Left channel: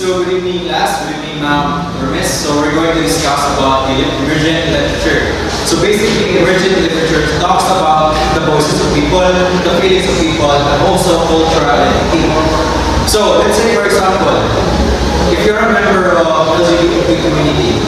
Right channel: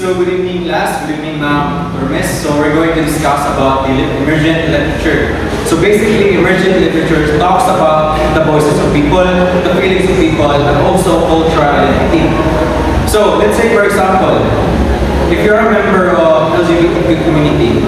So good evening class, good evening Hermes. So we're going to discuss about the emergent literature. So basically emergent literature talks about the voices of people, the feelings of people, and also cultural identity. So let's say for example, if you're a member of LGBT community,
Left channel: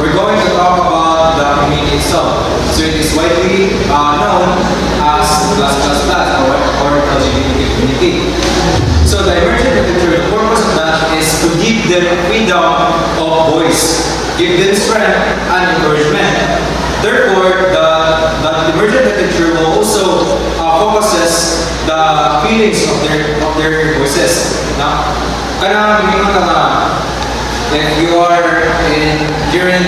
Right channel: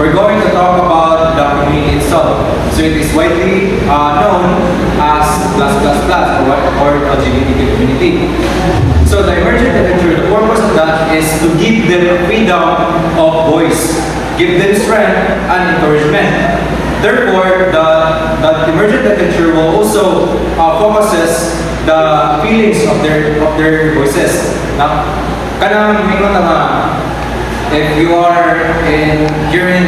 we're going to talk about the community itself. So it is widely known as or LGBT community. So the emergent literature, the purpose of that is to give them freedom of voice, give them strength and encouragement. Therefore, the emergent literature will also focuses the feelings of their voices. Now, if you are in during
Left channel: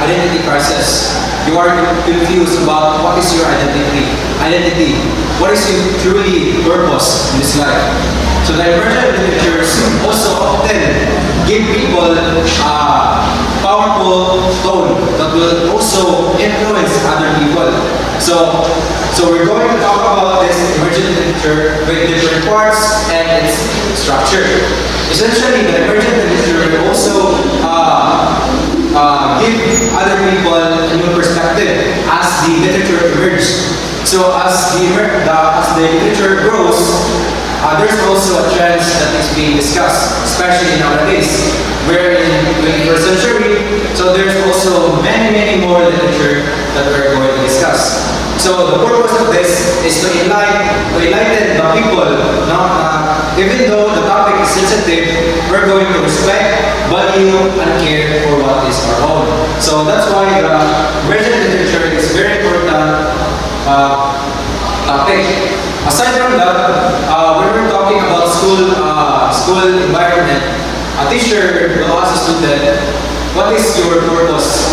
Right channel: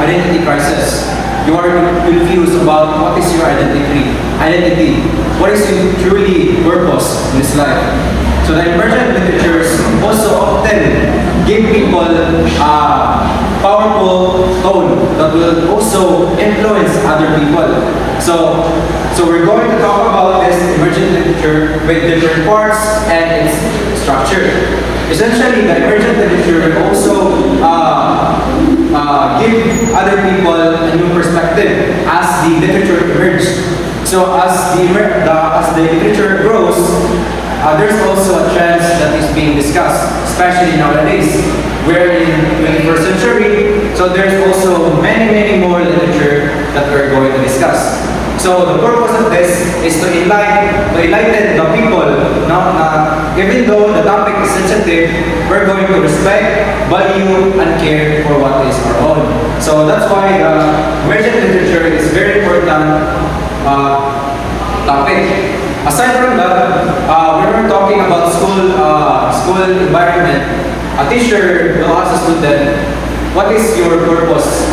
identity crisis, you are confused about what is your identity, what is your truly purpose in this life. So the emergent literatures also often give people a powerful tone that will also influence other people. So we're going to talk about this emergent literature with different parts and its structure. Essentially, the emergent literature will also give other people a new perspective as the literature emerges. So as the literature grows, there's also a trend that is being discussed, especially nowadays. We're in 21st century, so there's also many more literature that we're going to discuss. So the purpose of this is to enlighten the people. Even though the topic is sensitive, we're going to respect, value, and care for what is our own. So that's why the emergent literature is very important topic. Aside from that, when we're talking about school environment, a teacher will ask a student, what is your purpose?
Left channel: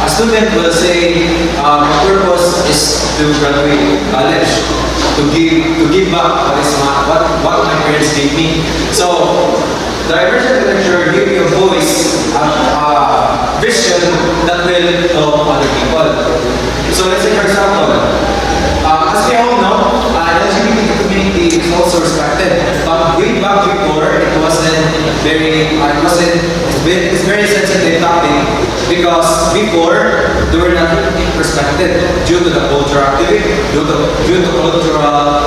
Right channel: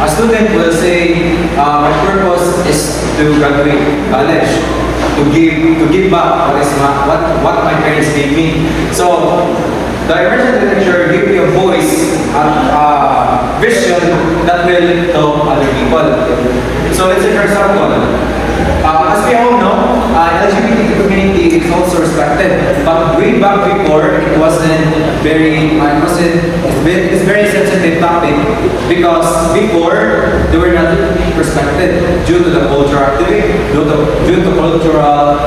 A student will say, my purpose is to graduate college, to give back what my parents gave me. So the emergent literature gives you a voice and a vision that will help other people. So let's say for example, as we all know, LGBT community is also respected. But way back before, it wasn't very, it's very sensitive topic because before they were not respected due to the cultural activity, due to cultural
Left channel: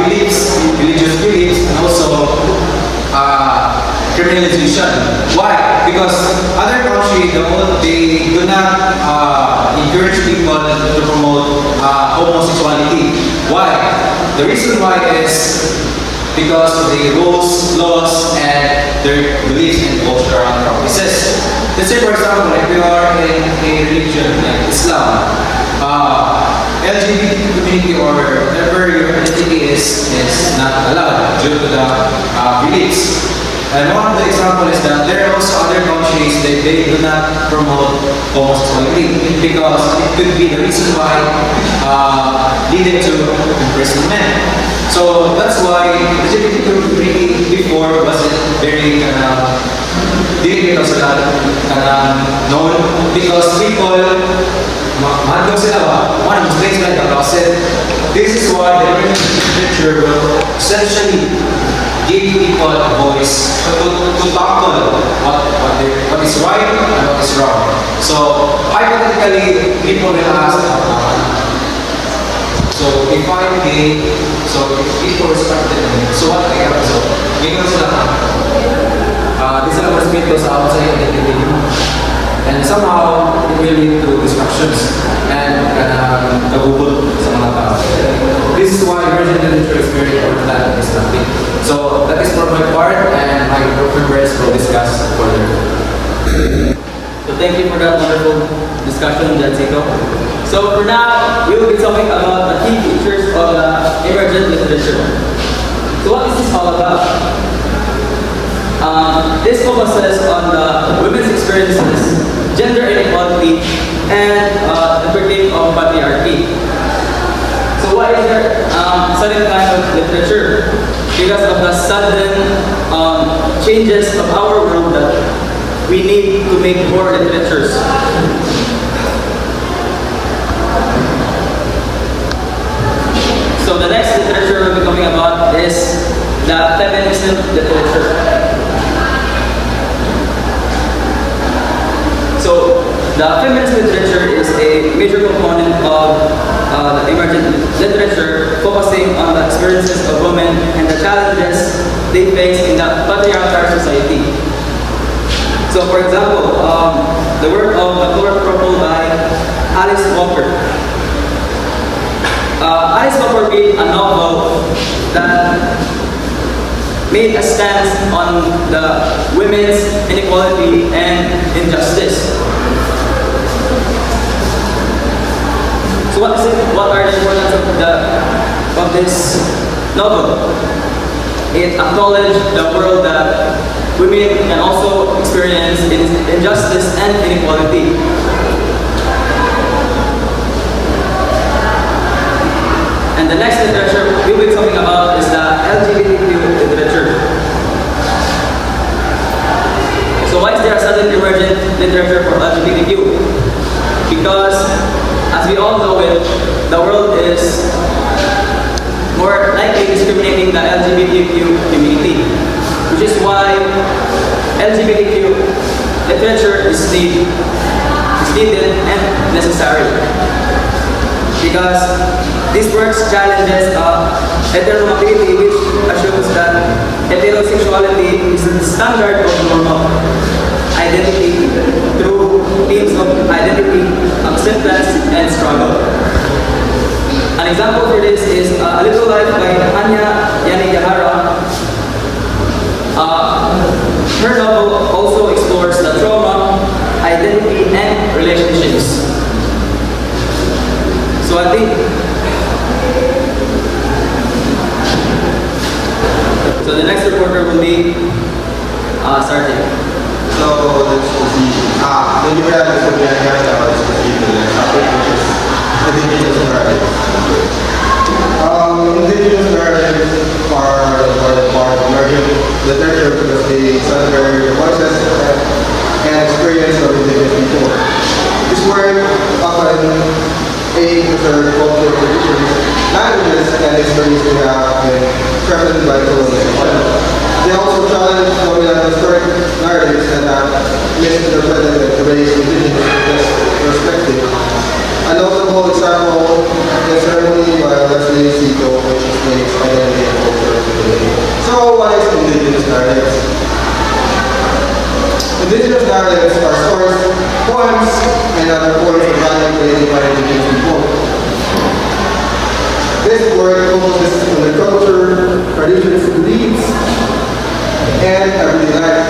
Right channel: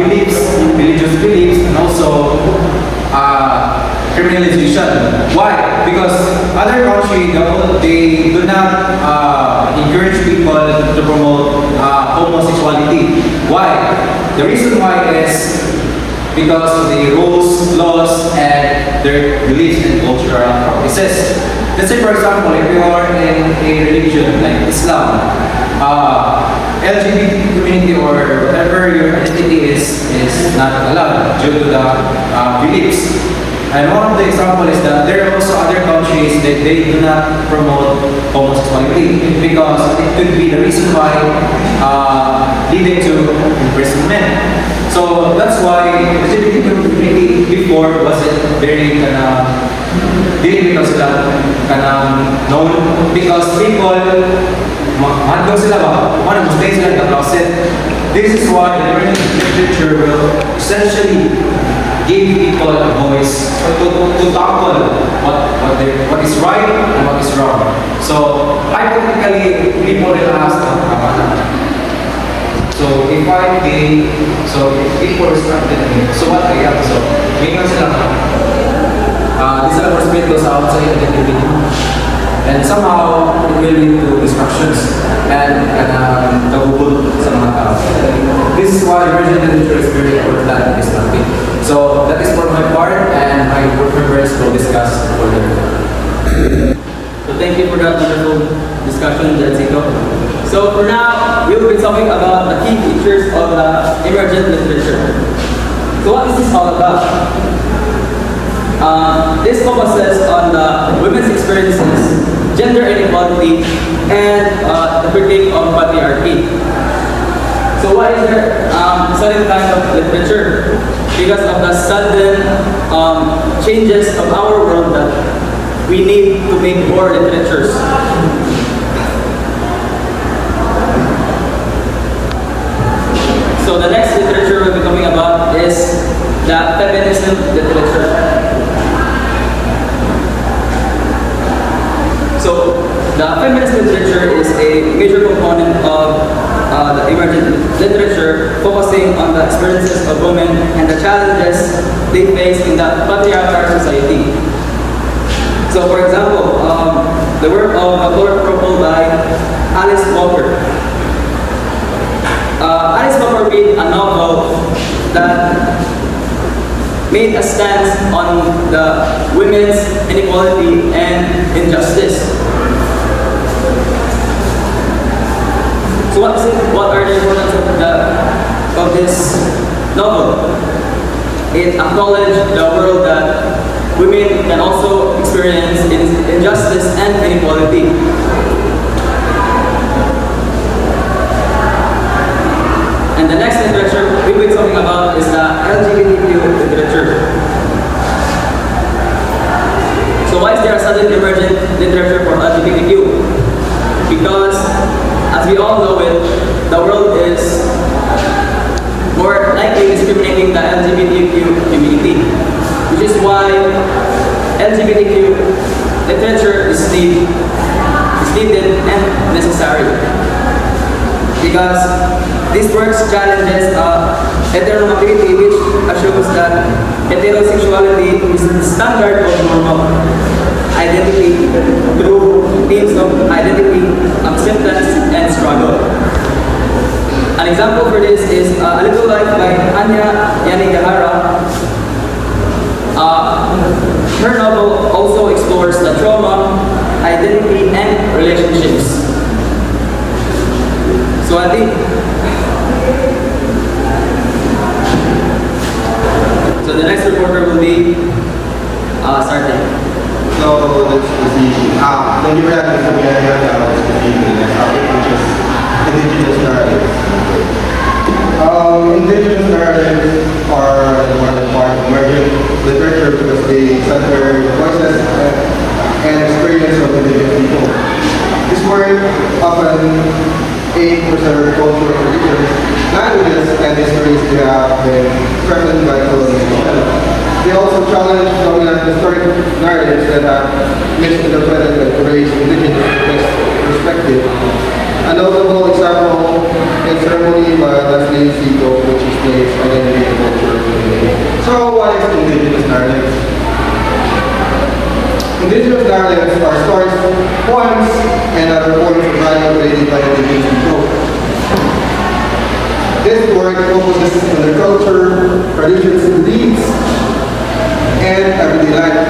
beliefs, religious beliefs, and also criminalization. Why? Because other countries, they do not encourage people to promote homosexuality. Why? The reason why is because of the rules, laws, and their beliefs and cultural practices. Let's say for example, if you are in a religion like Islam, LGBT community or whatever your identity is not allowed due to the beliefs. And one of the examples is that there are also other countries that they do not promote homosexuality because it could be the reason why leading to imprisonment. So that's why the LGBT community before wasn't very didn't become sila known because people mahal sila ba? One stay sila in the closet. This is why the literature will essentially give people a voice to tackle what is right and what is wrong. So hypothetically, people will ask, so if I'm gay, so people respected me. So what I have, so mayroon sila, di sila respect sa outside identity. And somehow, it will lead to distractions and nagubol sa mga tao. This is why emergent literature is very important in this topic. So that is for my part, and my group members will discuss further. So thank you for that wonderful discussion, Jansito. So for now, we will be talking about the key features of the emergent literature. So what is this all about? This focuses on the women's experiences, gender inequality, and the critique of patriarchy. So why is there certain kind of literature? Because of the sudden changes of our world that we need to make more literatures. So the next literature we'll be talking about is the feminism literature. a major component of the emergent literature, focusing on the experiences of women and the challenges they face in the patriarchal society. So, for example, the work of The Color Purple by Alice Walker. Alice Walker made a novel that made a stance on the women's inequality and injustice. So what are the importance of this novel? It acknowledged the world that women can also experience injustice and inequality. And the next literature we'll be talking about is the LGBTQ literature. So why is there a sudden emergent literature for LGBTQ? Because, as we all know it, the world is more likely discriminating the LGBTQ community, which is why LGBTQ literature is needed and necessary. Because these works challenges heteronormativity, which assumes that heterosexuality is the standard of normal identity through themes of identity, acceptance, and struggle. An example for this is A Little Life by Hanya Yanagihara. Her novel also explores the trauma, identity, and relationships. So I think, so the next reporter will be starting. So let's proceed. Thank you for that, Mr. Bianca. Let's proceed to the next topic, which is indigenous narratives. Indigenous narratives are one of the part of emergent literature because they center the voices and experience of indigenous people. This work often aim to preserve cultural traditions, languages, and histories we have been threatened by colonization. They also challenge dominant historic narratives that have misinterpreted and erased indigenous perspective. A notable example is Ceremony by Leslie Sito, which explains identity and culture. So, what is indigenous narratives? Indigenous narratives are stories, poems, and other forms of value created by indigenous people. This work focuses on their culture, traditions, beliefs, and everyday life.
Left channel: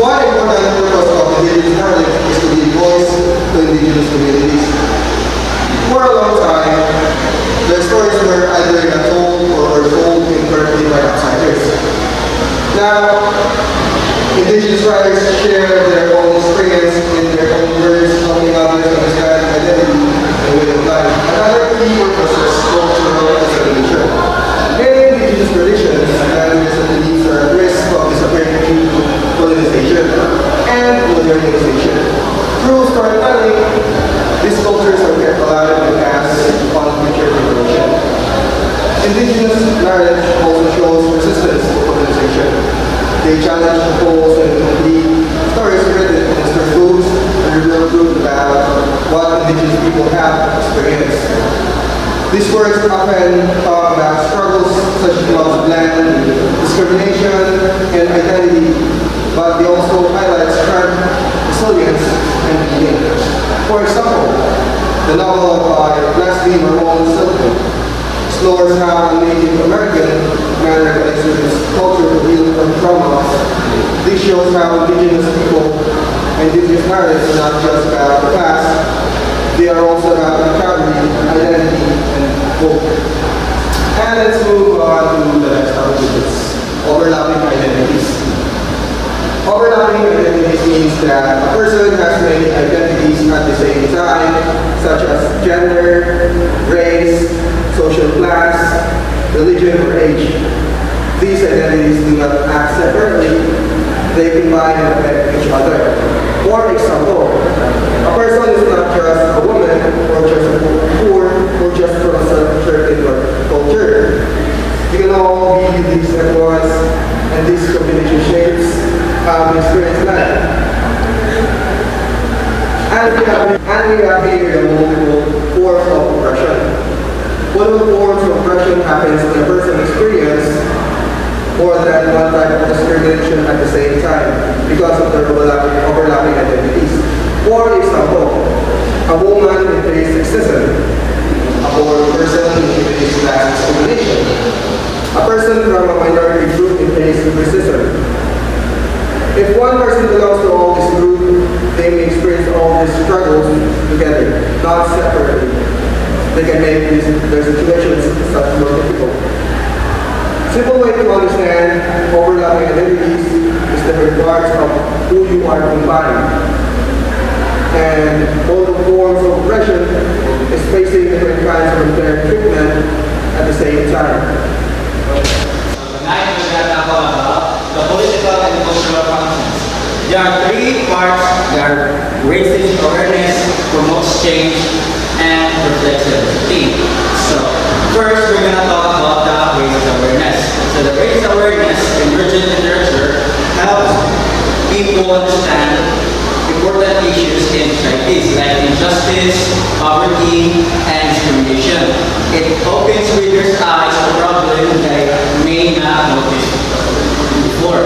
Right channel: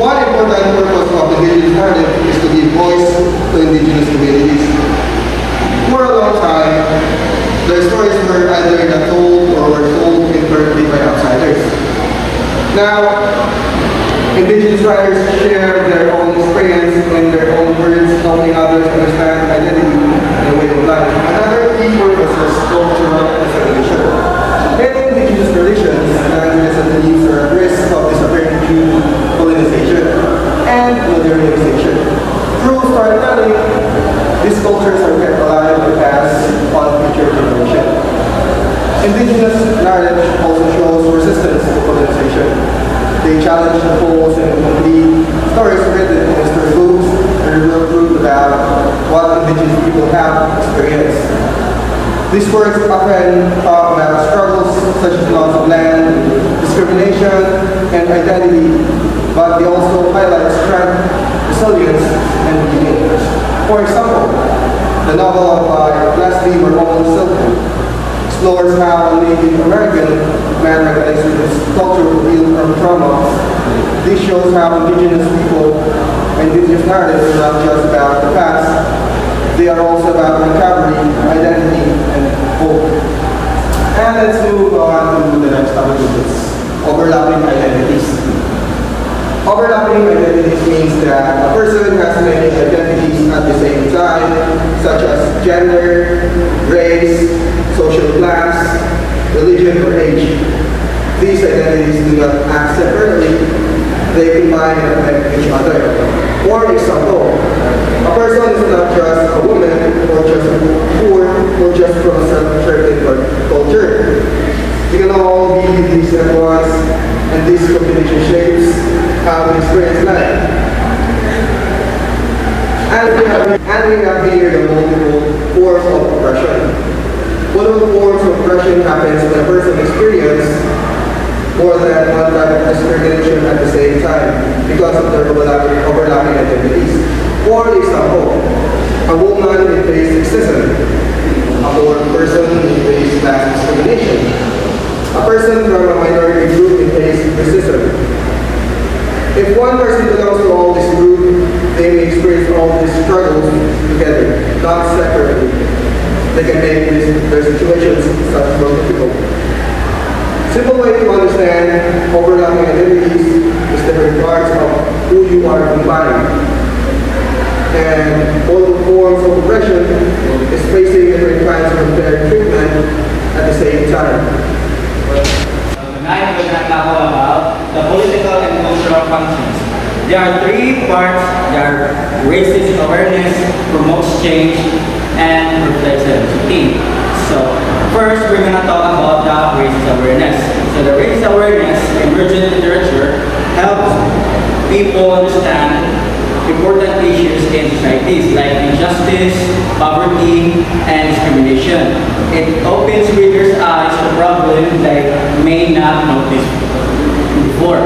One important purpose of indigenous narrative is to give voice to indigenous communities. For a long time, their stories were either not told or were told incorrectly by outsiders. Now, indigenous writers share their own experience and their own words, helping others understand identity and way of life. Another key purpose is cultural preservation. Many indigenous traditions, languages, and beliefs are at risk of disappearing due to colonization and modernization. Through storytelling, these cultures are kept alive and passed on future generations. Indigenous narrative also shows resistance to colonization. They challenge the false and complete stories written in history books and reveal truth about what indigenous people have experienced. These works often talk about struggles such as loss of land, discrimination, and identity, but they also highlight strength, resilience, and meaning. For example, the novel by Leslie Marmon Silkman explores how a Native American man recognizes his culture to heal from trauma. This shows how indigenous people and indigenous narratives are not just about the past, they are also about recovery, identity, and hope. And let's move on to the next topic, which is overlapping identities. Overlapping identities means that a person has many identities at the same time, such as gender, race, social class, religion, or age. These identities do not act separately, they combine and affect each other. For example, a person is not just a woman, or just poor, or just from a certain culture. You can all be these at once, and these combination shapes how we experience life. And we have here the multiple forms of oppression. One of the forms of oppression happens when a person experiences more than one type of discrimination at the same time because of their overlapping identities. For example, a woman may face sexism, a poor person may face class discrimination, a person from a minority group may face racism. If one person belongs to all this group, they may experience all these struggles together, not separately. They can make their situations much more difficult. Simple way to understand overlapping identities is the regards of who you are combined. And all the forms of oppression is facing different kinds of unfair treatment at the same time. Tonight we're going to talk about the political and cultural functions. There are three parts. There are racist awareness, promotes change, and reflects diversity. So first we're going to talk about the racist awareness. So the racist awareness emergent literature helps people understand important issues in societies like injustice, poverty, and discrimination. It opens readers' eyes to problems they may not notice before.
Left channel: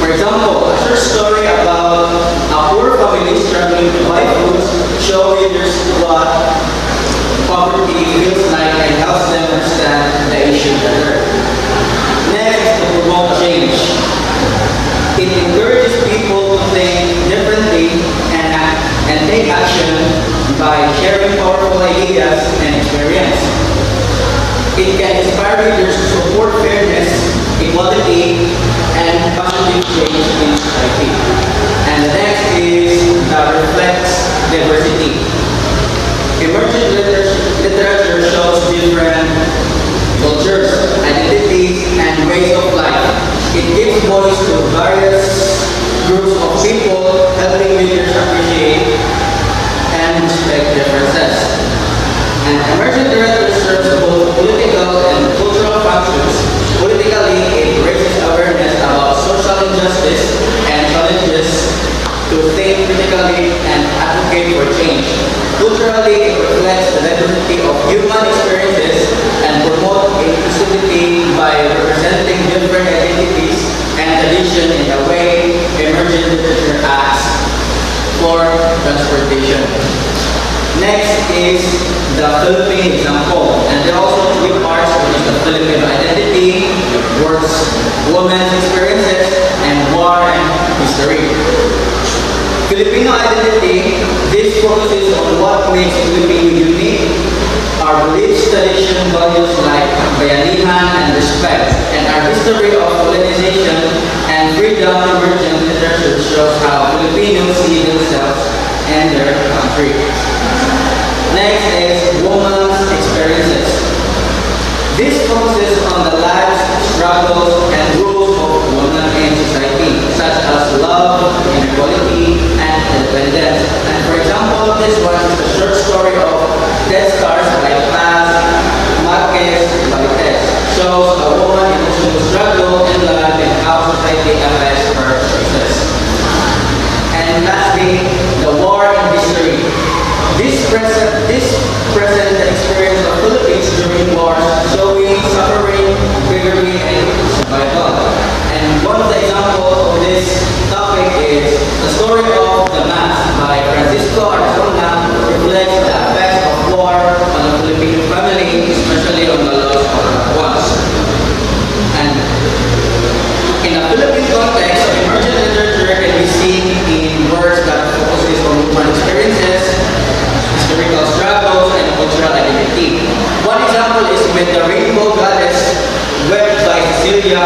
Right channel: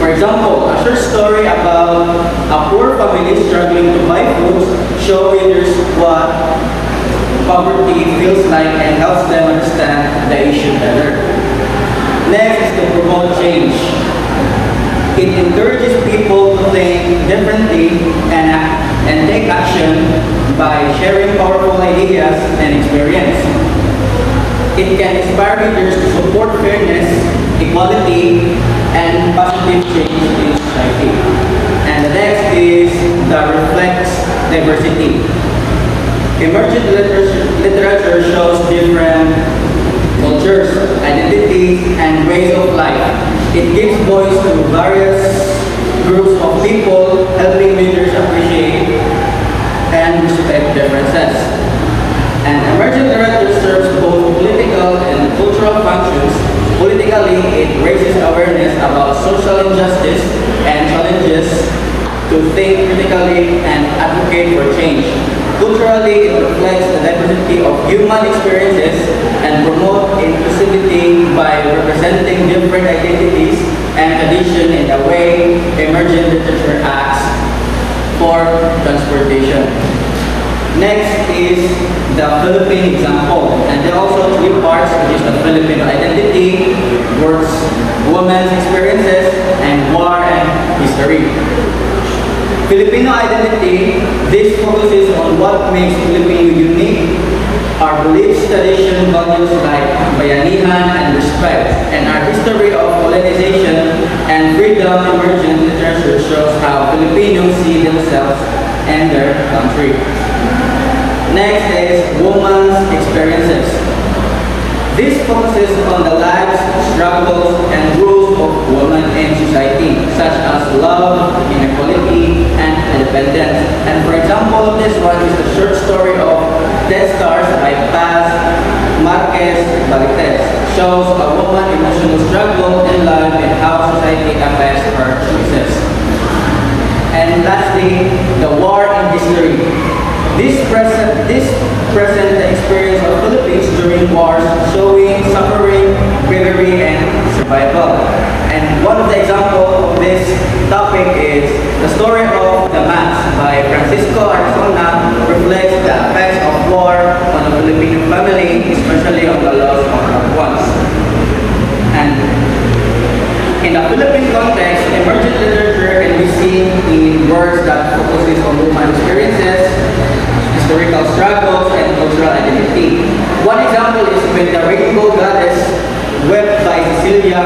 For example, a short story about a poor family struggling to buy food shows readers what poverty feels like and helps them understand the issue better. Next is to promote change. It encourages people to think differently and take action by sharing powerful ideas and experience. It can inspire readers to support fairness, equality, and positive change in society. And the next is that reflects diversity. Emergent literature shows different cultures, identities, and ways of life. It gives voice to various groups of people, helping readers appreciate and respect differences. And emergent literature serves both political and cultural functions. Politically, it raises awareness about social injustice and challenges to think critically and advocate for change. Culturally, it reflects the diversity of human experiences and promotes inclusivity by representing different identities and traditions in the way emergent literature acts for transportation. Next is the Philippine example, and there are also three parts, which is the Filipino identity, works, women's experiences, and war and history. Filipino identity, this focuses on what makes Filipino unique, our beliefs, tradition, values like bayanihan and respect, and our history of colonization and freedom. Emergent literature shows how Filipinos see themselves and their country. Next is women's experiences. This focuses on the lives, struggles, and rules of women in society, such as love, inequality, and independence. And for example of this one is the short story of Dead Stars by Paz Marquez Valdez. Shows a woman's emotional struggle in life and how society affects her choices. And lastly, the war in history. This present the experience of Philippines during wars, showing suffering, bravery, and survival. And one of the examples of this topic is the story of The Mask by Francisco Arzona, reflects the effects of war on the Filipino family, especially on the loss of loved ones. And in the Philippine context, emergent literature can be seen in works that focuses on human experiences, historical struggles, and cultural identity. One example is with The Rainbow Goddess, webbed by Cecilia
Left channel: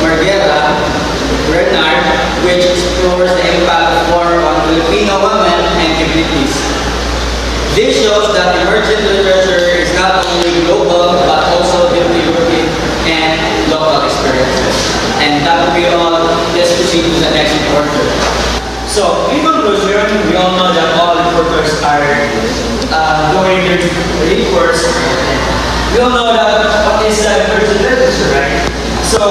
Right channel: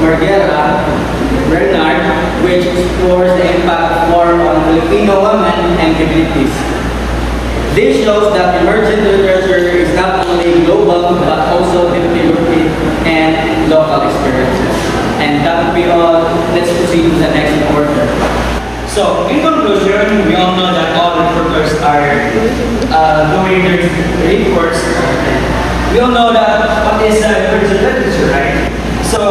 Marguera Bernard, which explores the impact of war on Filipino women and communities. This shows that emergent literature is not only global, but also deeply rooted in local experiences. And that would be all. Let's proceed to the next reporter. So, in conclusion, we all know that all reporters are doing their reports. We all know that what is emergent literature, right? So,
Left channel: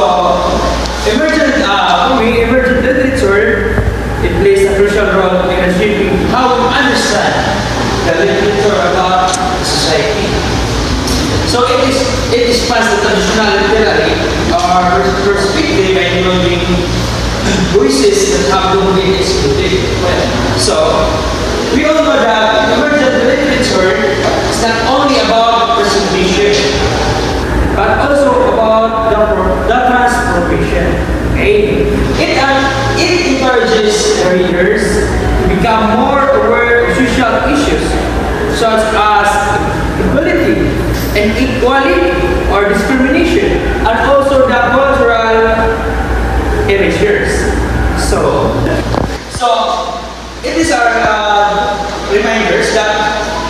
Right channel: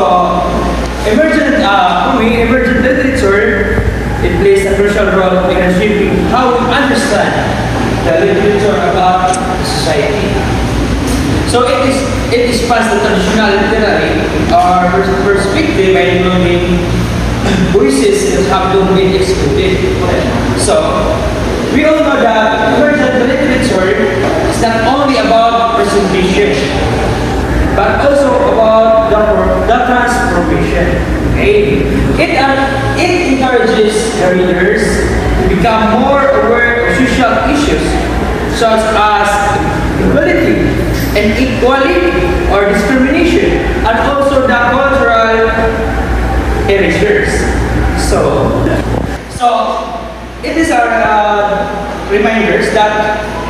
for me, emergent literature, it plays a crucial crucial role in shaping how we understand the literature about society. So it spans the traditional literary or perspective by including voices that have long been excluded. So we all know that emergent literature is not only about presentation, but also about the transformation. Okay? It encourages the readers to become more aware of social issues such as equality, inequality, or discrimination, and also the cultural erasures. So it is our reminders that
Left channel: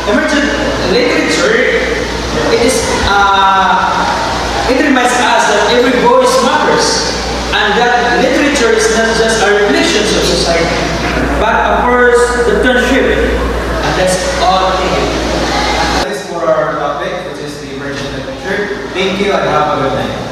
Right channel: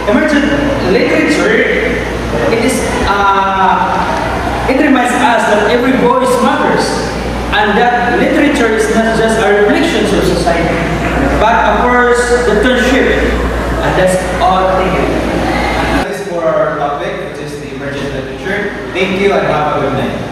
emergent literature, it reminds us that every voice matters, and that literature is not just a reflection of society, but of course the transcript, and that's all. Thank you. That is for our topic, which is the emergent literature. Thank you and have a good night.